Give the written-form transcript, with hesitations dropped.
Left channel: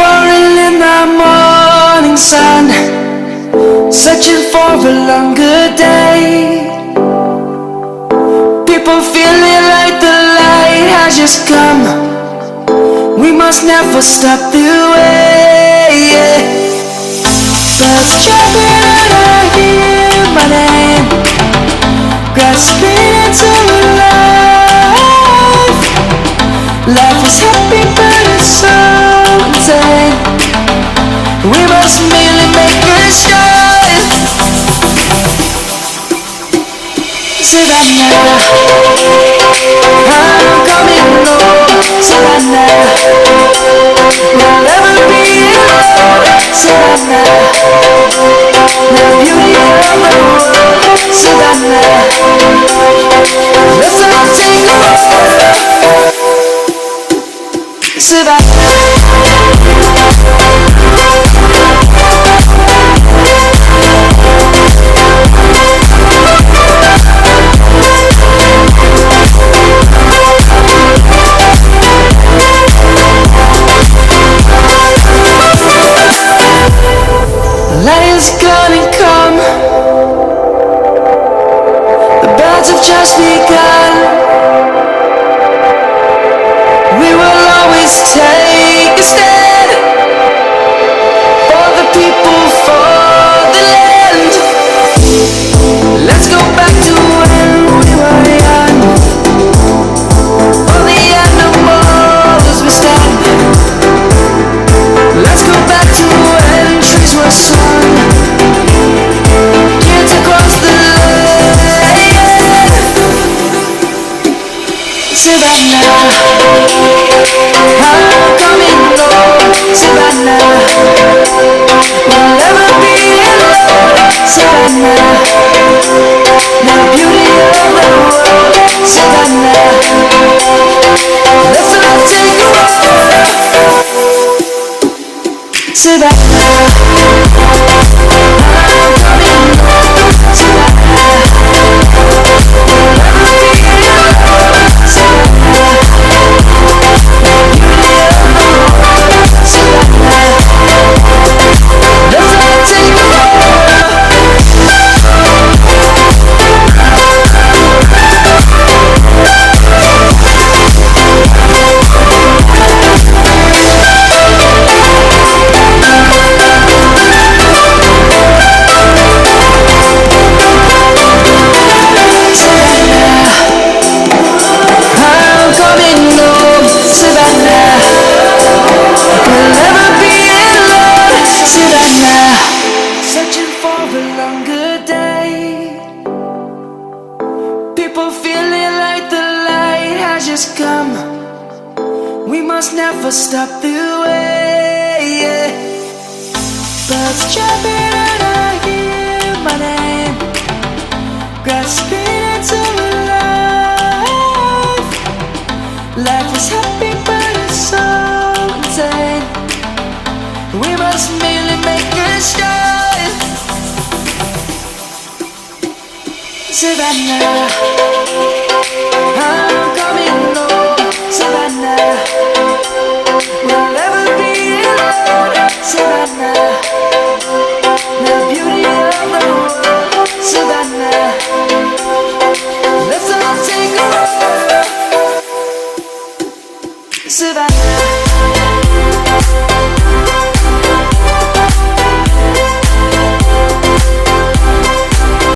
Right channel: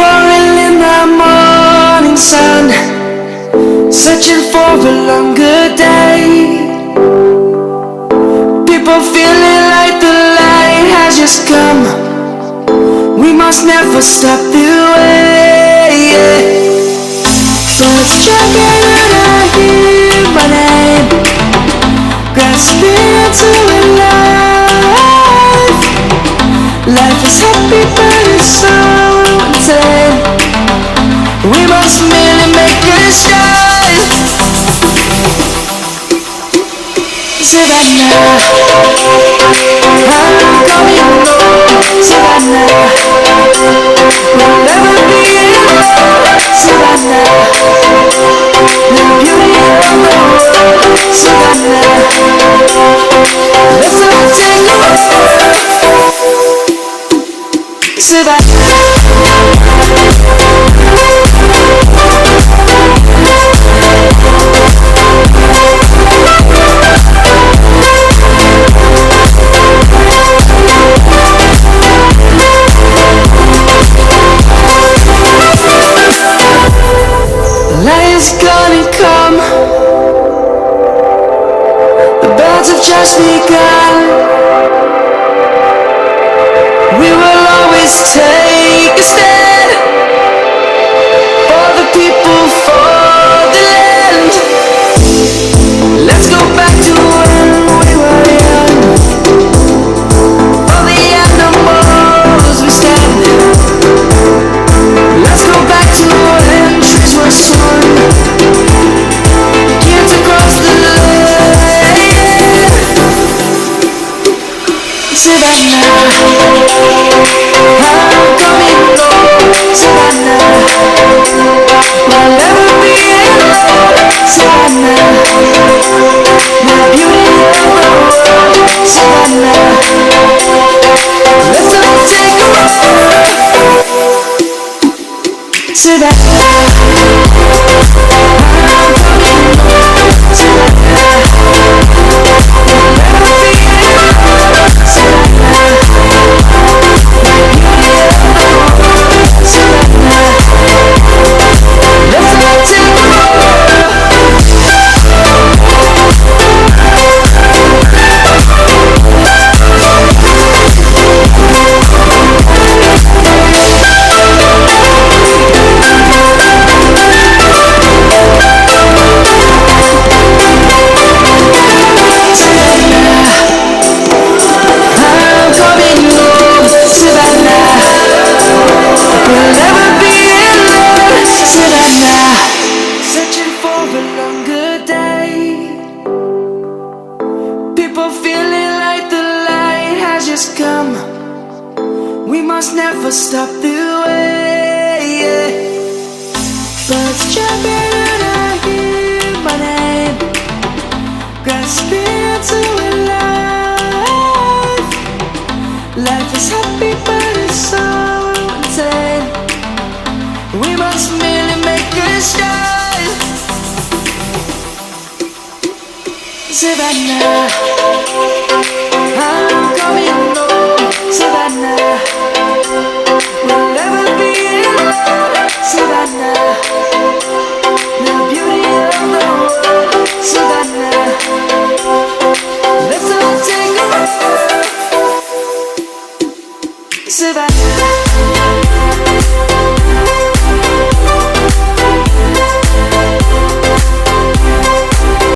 Falling in the morning sun, searching for a longer day. People feeling like the light has just come. We must never stop the way. Birds chirping and I hear my name, grasping into a life. Life is happy but it's so insane. We must merely make a strive. Savannah, I'm coming home. Savannah, we'll never be alone. Savannah, the beauty of the world. Savannah, let's all take a walk. Savannah. Light is gonna come. The birds have just begun. We will always take a stand for the people, for the land. Let's go back to when we were young. For the animals we stand. Let's go back to when trees were swung, kids across the land. Savannah, I'm coming home. Savannah, we'll never be alone. Savannah, the beauty of the world. Savannah, let's all take a walk. Savannah, I'm coming home. Savannah, we'll never be alone. Savannah, the beauty of the world. Savannah, let's all take a walk. We'll never be alone. Savannah, searching for a longer day. People feeling like the light has just come. We must never stop the way. Birds chirping and I hear my name, grasping into a life. Life is happy but it's so insane. We must merely make a strive. Savannah, I'm coming home.